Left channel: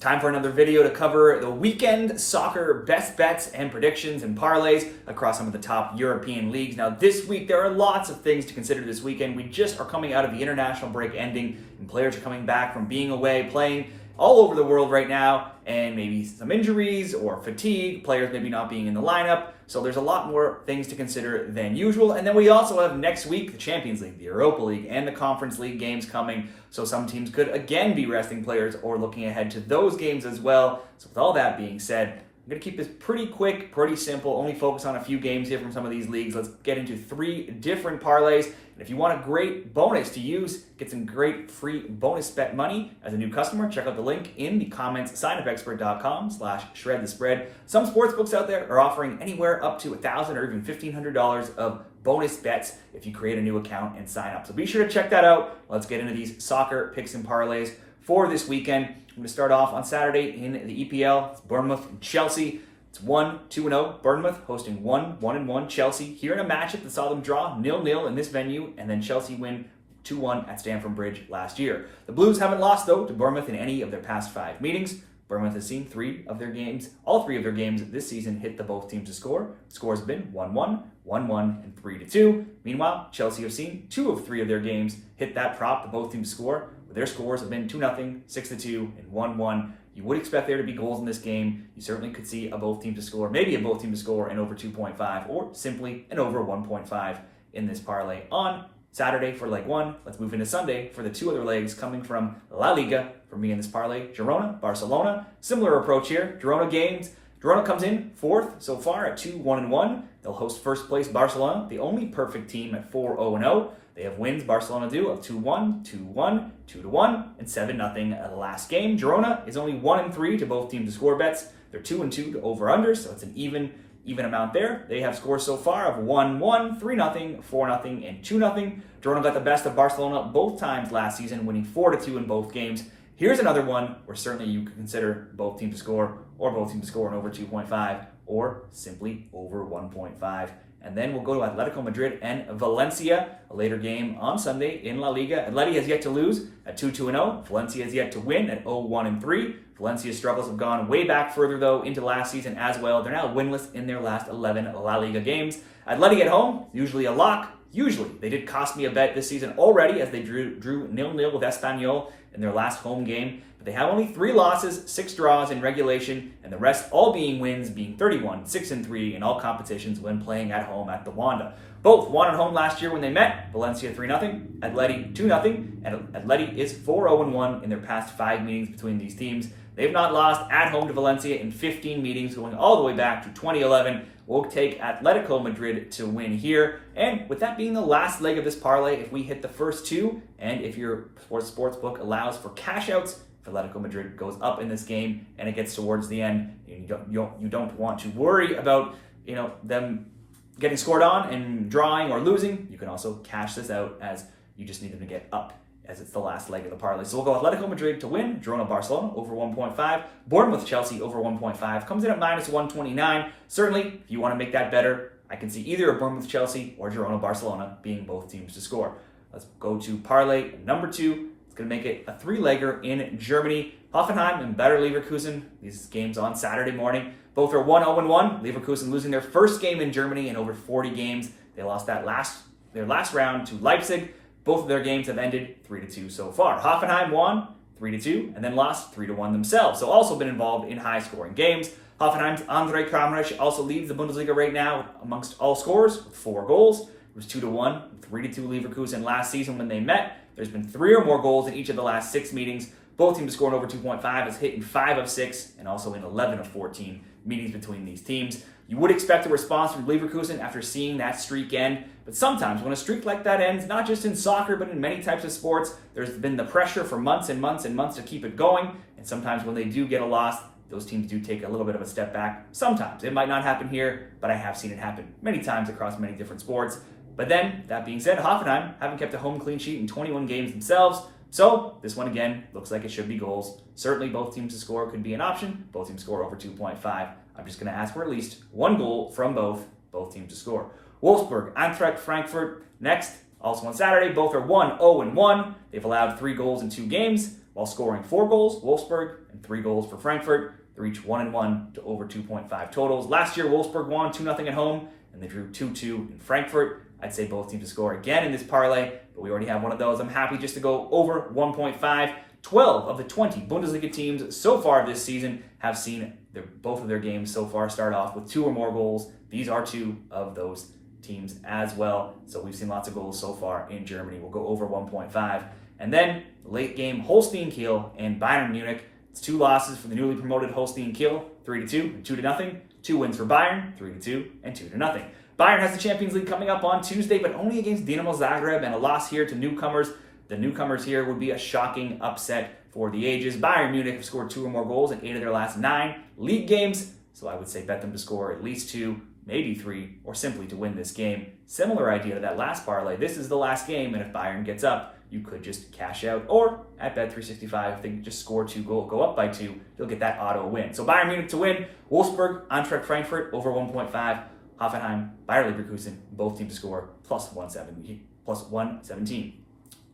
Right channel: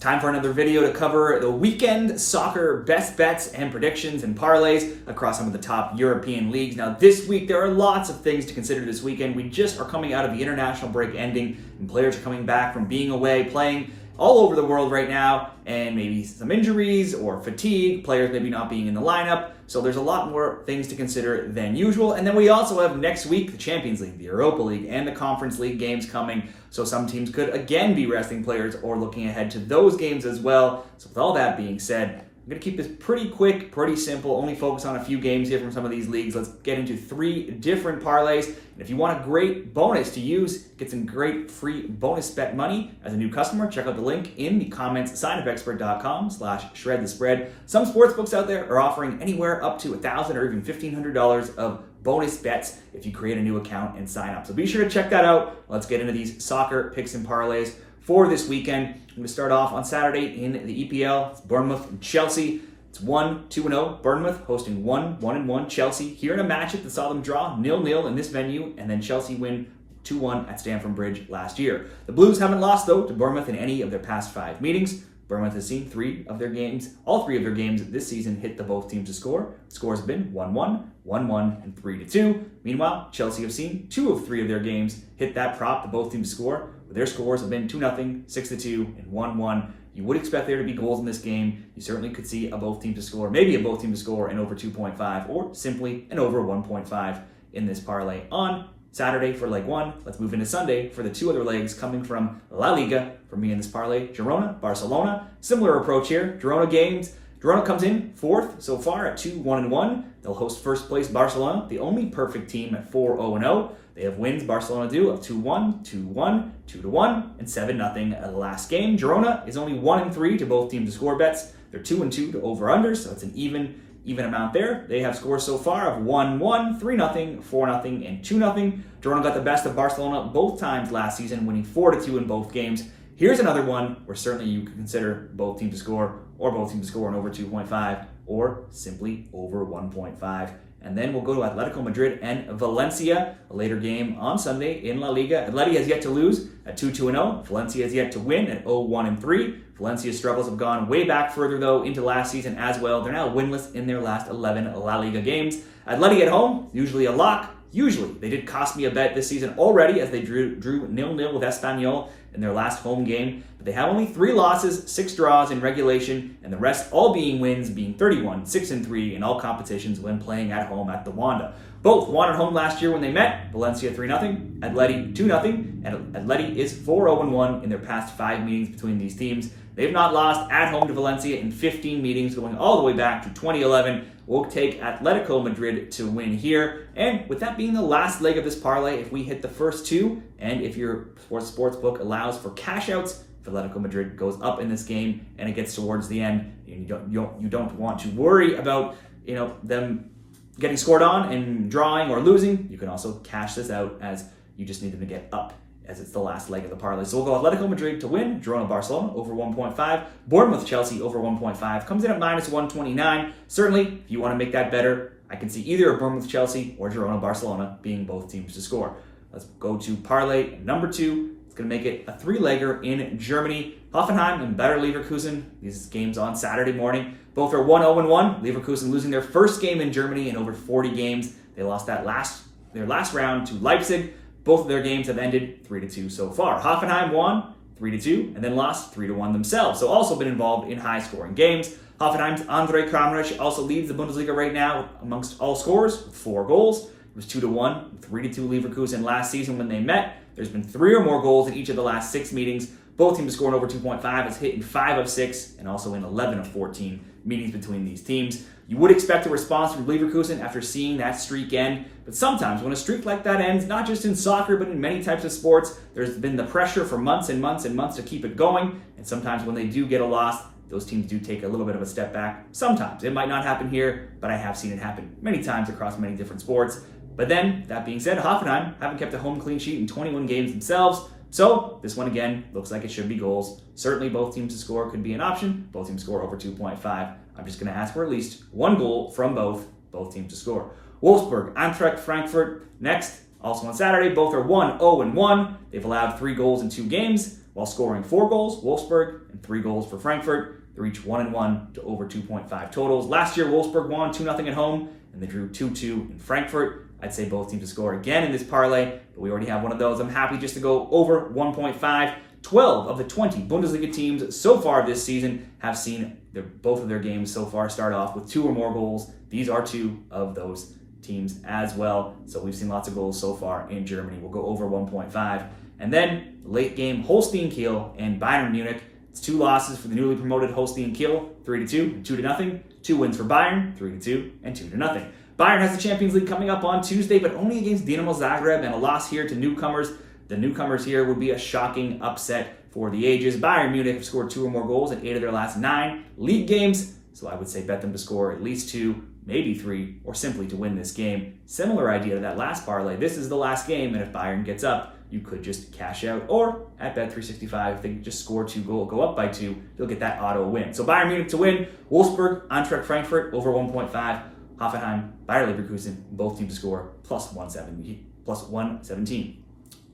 Time for another video to cover the weekend soccer best bets and predictions and parlays across some of the top European leagues. Now this week there are lots of things to consider this weekend. We just are coming out of the international break ending and players are coming back from being away, playing all over the world right now, and maybe some injuries or fatigue, players maybe not being in the lineup. So there's a lot more things to consider than usual. And then we also have next week the Champions League, the Europa League, and the Conference League games coming. So some teams could again be resting players or looking ahead to those games as well. So with all that being said, I'm going to keep this pretty quick, pretty simple, only focus on a few games here from some of these leagues. Let's get into 3 different parlays. And if you want a great bonus to use, get some great free bonus bet money as a new customer, check out the link in the comments, signupexpert.com/shredthespread. Some sportsbooks out there are offering anywhere up to $1,000 or even $1,500 of bonus bets if you create a new account and sign up. So be sure to check that out. Let's get into these soccer picks and parlays for this weekend. I'm going to start off on Saturday in the EPL. It's Bournemouth and Chelsea. It's 1-2-0. Bournemouth hosting 1-1 Chelsea. Here in a matchup that saw them draw 0-0 in this venue, and then Chelsea win 2-1 at Stamford Bridge last year. The Blues haven't lost, though, to Bournemouth in any of their past 5 meetings. Bournemouth has seen all 3 of their games this season hit the both teams to score. Scores have been 1-1, 1-1, and 3-2. Meanwhile, Chelsea have seen 2 of 3 of their games hit that prop, the both teams to score. Their scores have been 2-0, 6-2, and 1-1. You would expect there to be goals in this game. You certainly could see a both team to score, maybe a both team to score and over 2.5, or simply an over 1.5 in this parlay on Saturday for leg 1. Let's move into Sunday for the 2 other legs coming from La Liga. For me in this parlay, Girona, Barcelona. Similar approach here. Girona comes in 4th so far at 2-1-1. They'll host first place Barcelona, the only perfect team at 4-0-0. They have wins, Barcelona do, of 2-1, 2-1, 2-1, and 7-0 last game. Girona is only 1-3 to both teams to score bets. They're 2-2 to over-unders, so it's an even amount there. They have scores so far of 1-1, 3-0, 4-0, and 2-0. Girona got the best of Barcelona both times last season, winning 4-2 in both games. Here's another one where certainly you could consider both teams to score, or both teams to score an over 2.5, or simply over 1.5. And then we'll go to Atletico Madrid and Valencia, a later game on Sunday in La Liga. Atleti has yet to lose at 2-2-0. Valencia has yet to win at 0-1-3. Valencia's struggles have gone way back further, though, into last season as well. They're now winless in their last 11 La Liga games. Atleti at home, usually a lock. Usually, they did cost me a bet this season already as they drew 0-0 with Espanyol in their last home game. But they have only 3 losses, 6 draws in regulation, and the rest all being wins, being 31, 6-3 in all competitions when playing at home at the Wanda. Both won at home last year when they met. Valencia 3-0, Atleti 2-0, and Atleti is 4-0-1 in their past 5 meetings between these teams. They've not lost at home to Valencia in 15 meetings, going all the way back to 2011. We'll take Atletico Madrid to win here. And with that being the last leg of this parlay, if we hit the first 2, and if your sportsbook allows for cash outs, if Atletico Madrid goes up in this game and it gets towards the end, you don't want to worry about them getting scored on and drawing or losing. You can also cash this out as you just need them to get up, as it's the last leg of the parlay. So we'll go Atletico Madrid to win, Girona Barcelona over 1.5, Bournemouth Chelsea over 1.5, comes in at -129. Certainly, if you want to make that better, I can see either a Bournemouth Chelsea or Girona Barcelona being both teams to score. Let's go to parlay number 2. It's going to make it a 3-legger in Germany. Hoffenheim and Bayer Leverkusen. These games on Saturday morning. Both are 1-0-1. Leverkusen losing their first game in Germany in over 40 games. They lost their last round to Leipzig. Both of their games have ended 3-2 so far. Hoffenheim won 3-2 and then lost 3-1 themselves. So also been involved in high-scoring games. Hoffenheim's Andre Kramaric also leads the Bundesliga right now amongst all scorers with 4 goals. It was 2-1, 3-2 Leverkusen last season when they met. There's been 3 or more goals in each of the last 6 meetings. Both teams scoring over 2.5 has hit in 5 of 6 and also in 11 of 14 meetings between these teams. You would expect a response from Leverkusen after seeing that streak end, but sometimes when a streak like that ends, not just in soccer but in many types of sports, there's been the pressure for months and months and months to keep it going, and sometimes when they do get a loss, those teams do take a little bit of a step back. Sometimes. It might not happen here, but I have seen it happen many times across many different sports. But then, that being said, Hoffenheim haven't kept a home clean sheet in 21 games themselves. So, this one again looks like it should be goals. Certainly both teams to score could be an option. Both teams score over 2.5. I'm just going to ask for at least 1 goal from both teams to score. Wolfsburg, Eintracht, Frankfurt next. Also on Saturday, both are 1-0-1. They've allowed 3 goals in 2 games. while scoring 4 goals, Wolfsburg, and 3 goals for Frankfurt. They're each 1-1 to over 2.5 totals. Last year, Wolfsburg won 2-0 at home, and they drew 2-2 in Frankfurt. I'd say both teams to score again in this parlay, but we already have one of those. I'm happy just to go over 1.5. 12 of the 20 Bundesliga teams so far this season have seen both of their games so far start off with 2 or more goals. These are 2 of those teams as well. So we've seen lots of goals so far in Germany. We'll go over 1.5. And then late game, Holstein Kiel and Bayern Munich. It's 2 losses for the newly promoted Holstein Kiel, 3-2 and 2-0. 2 wins for Bayern, 3-2 and 2-0. Bayern has the Champions League coming up on Tuesday, but only against Dinamo Zagreb, and a loss here to newcomers. The newcomers here would be a shocking upset for the ages. Bayern Munich have scored 2 or more goals in 8 of their last 9 league games, so I would say bet them to score at least 2, maybe 3, or simply to win this game. Similar idea to that last parlay. This is the last game, and if Bayern gets up, you could just cash out. Or at Bet365, if they just score 2 goals, go up by 2, you'll get that auto win. So Bayern Munich to win. Wolfsburg, Eintracht Frankfurt over 1.5. Hoffenheim, Bayer Leverkusen, both teams to score plus 117.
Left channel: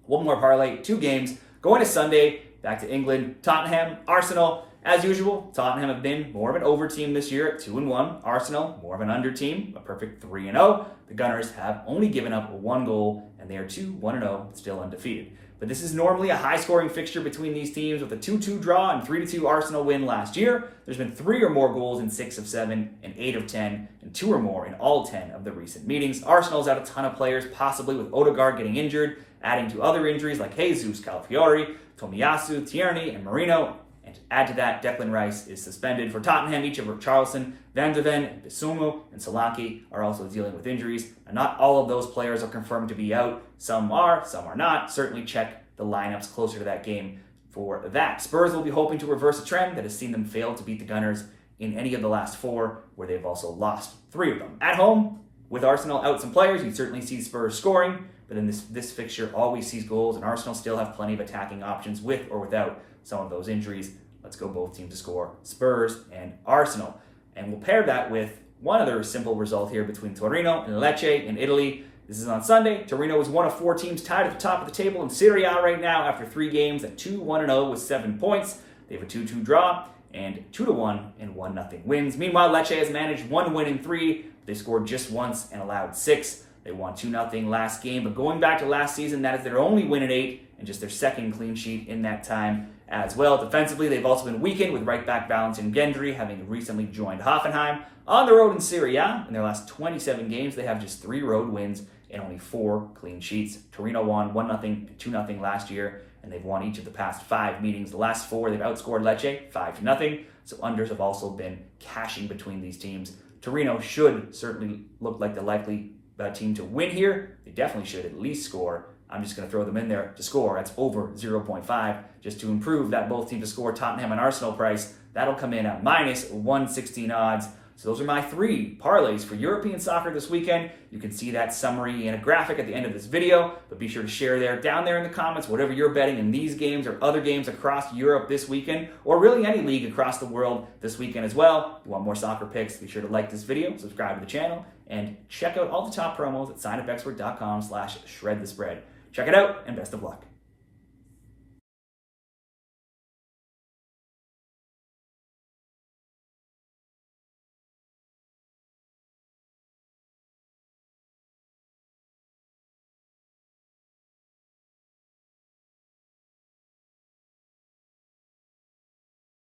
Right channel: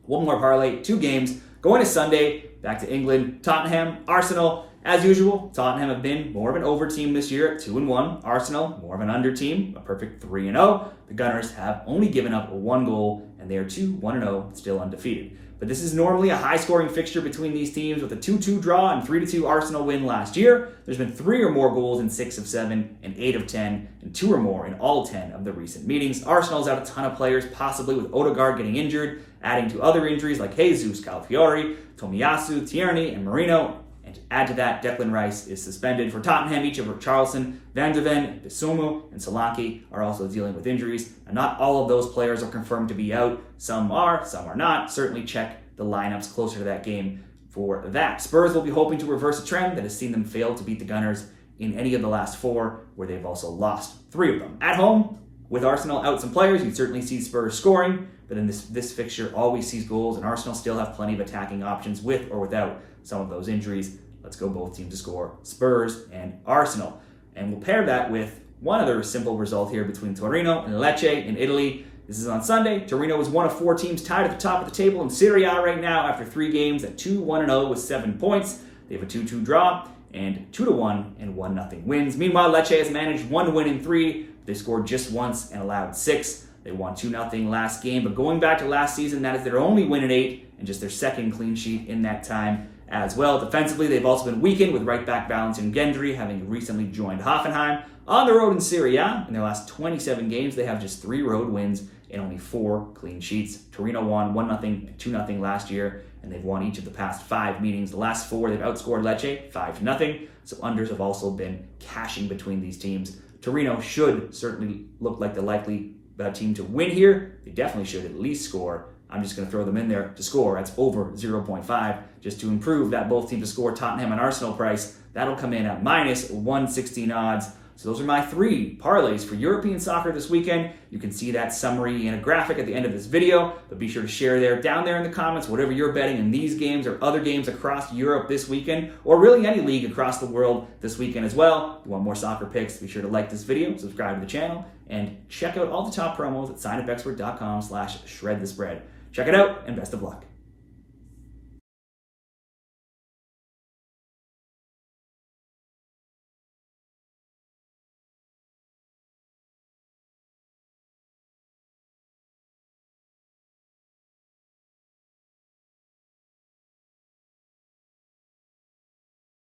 One more parlay, 2 games. Going to Sunday, back to England, Tottenham, Arsenal. As usual, Tottenham have been more of an over team this year at 2-1. Arsenal, more of an under team, a perfect 3-0. The Gunners have only given up 1 goal, and they are 2-1-0, still undefeated. But this is normally a high-scoring fixture between these teams with a 2-2 draw and 3-2 Arsenal win last year. There's been 3 or more goals in 6 of 7 and 8 of 10, and 2 or more in all 10 of the recent meetings. Arsenal's out a ton of players, possibly with Odegaard getting injured, adding to other injuries like Jesus, Calafiori, Tomiyasu, Tierney, and Marino. And to add to that, Declan Rice is suspended. For Tottenham, each of Richarlison, Van de Ven, Bissouma, and Solanke are also dealing with injuries. And not all of those players are confirmed to be out. Some are not. Certainly check the lineups closer to that game for that. Spurs will be hoping to reverse a trend that has seen them fail to beat the Gunners in any of the last 4, where they've also lost 3 of them. At home, with Arsenal out some players, you'd certainly see Spurs scoring, but in this fixture always sees goals, and Arsenal still have plenty of attacking options with or without some of those injuries. Let's go both teams to score, Spurs and Arsenal. And we'll pair that with one other simple result here between Torino and Lecce in Italy. This is on Sunday. Torino is one of 4 teams tied at the top of the table in Serie A right now after 3 games at 2-1-0 with 7 points. They have a 2-2 draw and 2-1 and 1-0 wins. Meanwhile, Lecce has managed 1 win in 3. They scored just once and allowed 6. They won 2-0 last game, but going back to last season, that is their only win in 8 and just their 2nd clean sheet in that time as well. Defensively, they've also been weakened with right back Valentin Gendry having recently joined Hoffenheim. On the road in Serie A, in their last 27 games, they have just 3 road wins and only 4 clean sheets. Torino won 1-0 and 2-0 last year, and they've won each of the past 5 meetings. The last 4, they've outscored Lecce 5-0, so unders have also been cashing between these teams. Torino should certainly look like the likely team to win here. They definitely should at least score. I'm just going to throw them in there to score. That's over 0.5 just to improve that both teams to score Tottenham and Arsenal price. That'll come in at minus 116 odds. So those are my 3 parlays for European soccer this weekend. You can see that summary in a graphic at the end of this video, but be sure to share down there in the comments whatever you're betting in these games or other games across Europe this weekend, or really any league across the world this weekend as well. If you want more soccer picks, be sure to like this video, subscribe to the channel, and check out all the top promos at signupexpert.com/shredthespread. Check it out, and best of luck.